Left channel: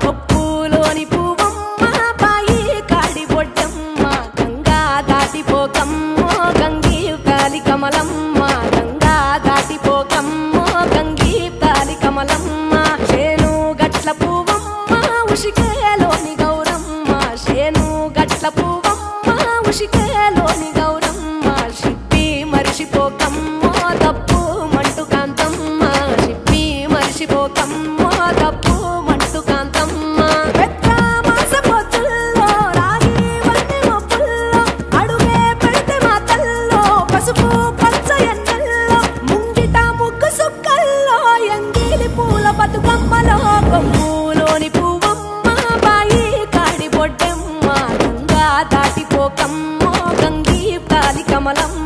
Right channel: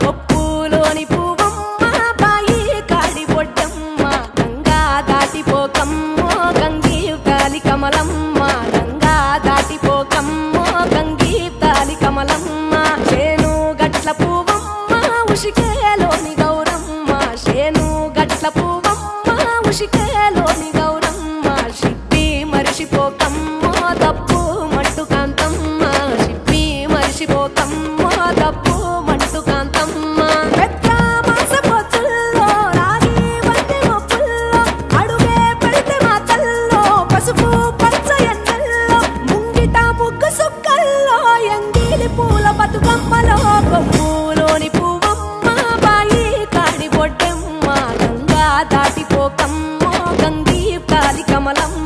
కొప్పులోని పువ్వమ్మ బాయి కాడి బొడ్డమ్మ గంగా దాటిపోకమ్మో గంగీతాలి కమలమ్మ గంగా దాటిపోకమ్మో గంగీతాలి కమలమ్మ చేను గట్ల పువ్వమ్మ ఉషికేలోని గౌరమ్మ చేను గట్ల పువ్వమ్మ ఉషికేలోని గౌరమ్మ షిప్పి మరిషిపోకమ్మో తప్పు మంటు కాంతమ్మ షిప్పి మరిషిపోకమ్మో తప్పు మంటు కాంతమ్మ పెద్ద మాస పొత్తుల్లో రాగి వన్నె మొప్పుల్లో అడుగే పెడితే మాతల్లో పసుపు పచ్చ ఎన్నెల్లో ముంగిట ముగ్గు సుక్కల్లో ఎంగిలి పూల బతుకమ్మలో కొప్పులోని పువ్వమ్మ బాయి కాడి బొడ్డమ్మ గంగా దాటిపోకమ్మో గంగీతాలి కమలమ్మ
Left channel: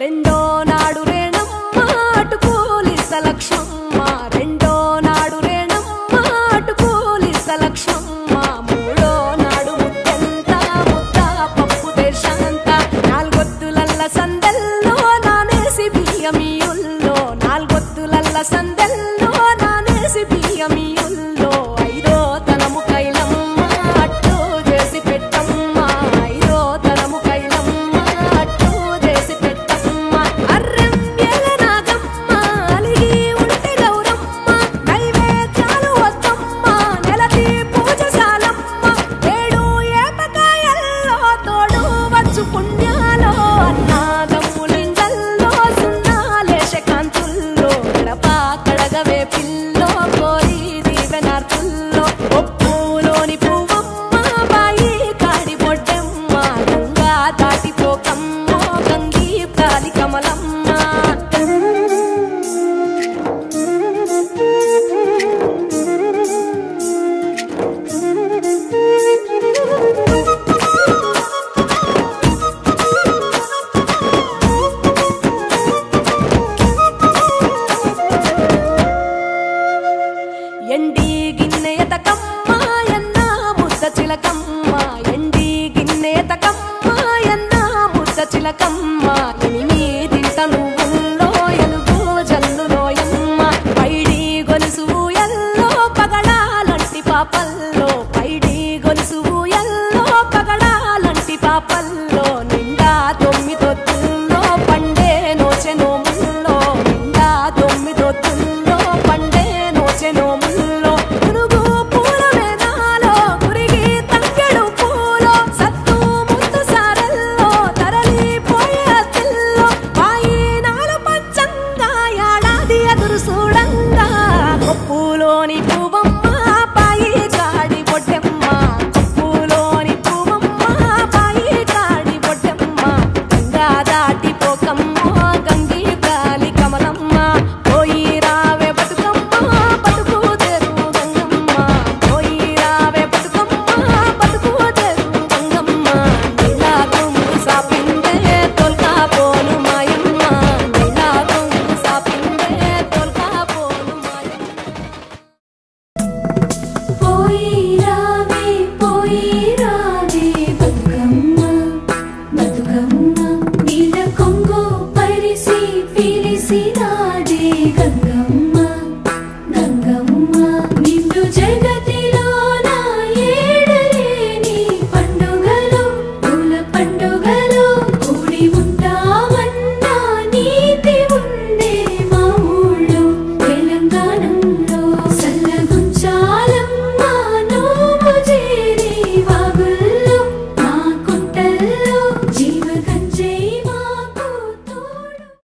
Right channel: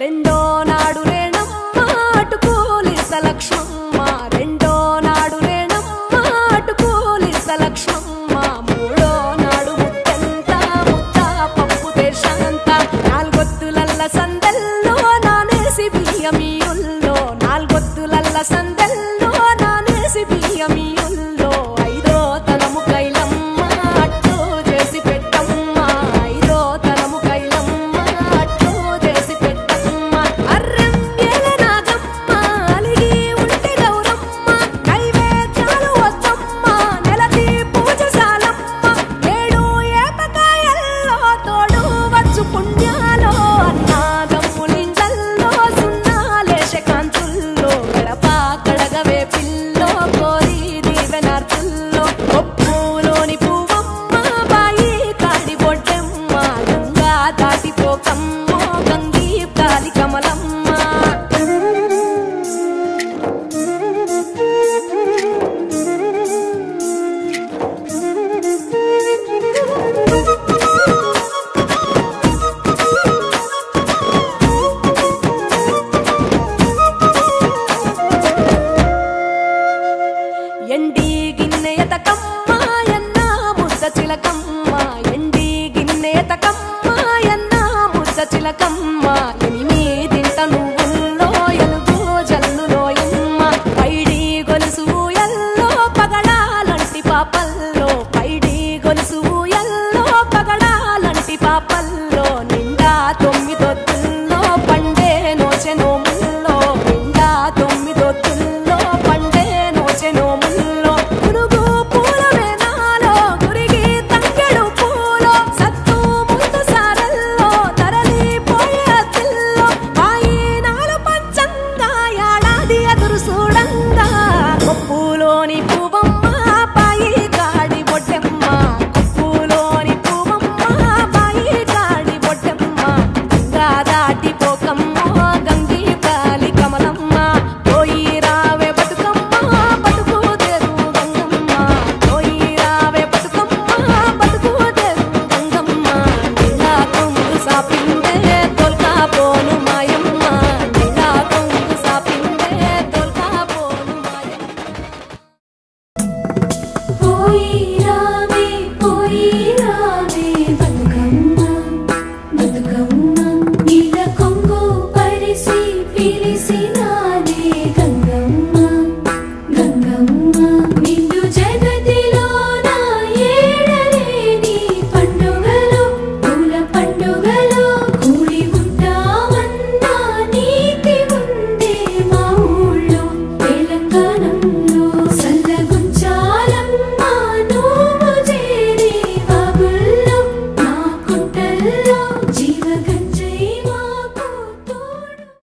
రెండో నాడు రేణమ్మ అటుకూలిస్త లక్ష్మమ్మ రెండో నాడు రేణమ్మ అటుకూలిస్త లక్ష్మమ్మ మూడో నాడు ముత్తెంత ముద్ద పప్పు దేశంత నాలుగొత్తులల్ల సందెల్లో నానేసి బియ్యమియుల్లో నాలుగొత్తులల్ల సందెల్లో నానేసి బియ్యమియుల్లో ఐదో తనము కైలమ్మ అట్టు చేసి పెట్టమ్మ ఐదో తనము కైలమ్మ అట్టు చేసి పెట్టమ్మ అర్రం ఏల నాగమ్మ అలిగి ఉంటే గౌరమ్మ నైవేద్యాలు వద్దమ్మ నెలతి పూజశాలమ్మ ఏడు ఏపకాయల్లో తోడు వచ్చు పుణ్యాలో అన్నాదమ్ములింగల్లో సున్నాలేశ కాంతుల్లో గడప కడగవే పిల్లో కోరి దీవెనార్తుల్లో కొప్పులోని పువ్వమ్మ బాయి కాడి బొడ్డమ్మ గంగా దాటిపోకమ్మో గంగీతాలి కమలమ్మ ఎండి గిన్నెయతకమ్మ ఎన్న ముద్ద చిలకమ్మ ఎండి గిన్నెయతకమ్మ ఎన్న ముద్ద చిలకమ్మ ఎనిమిదింట నువ్వుల్లో ఎలుగు జల్లులోయమ్మ పైడి గొలుసు ఎల్లో పగడాలంటి పాపల్లో పైడి గొలుసు ఎల్లో పగడాలంటి పాపల్లో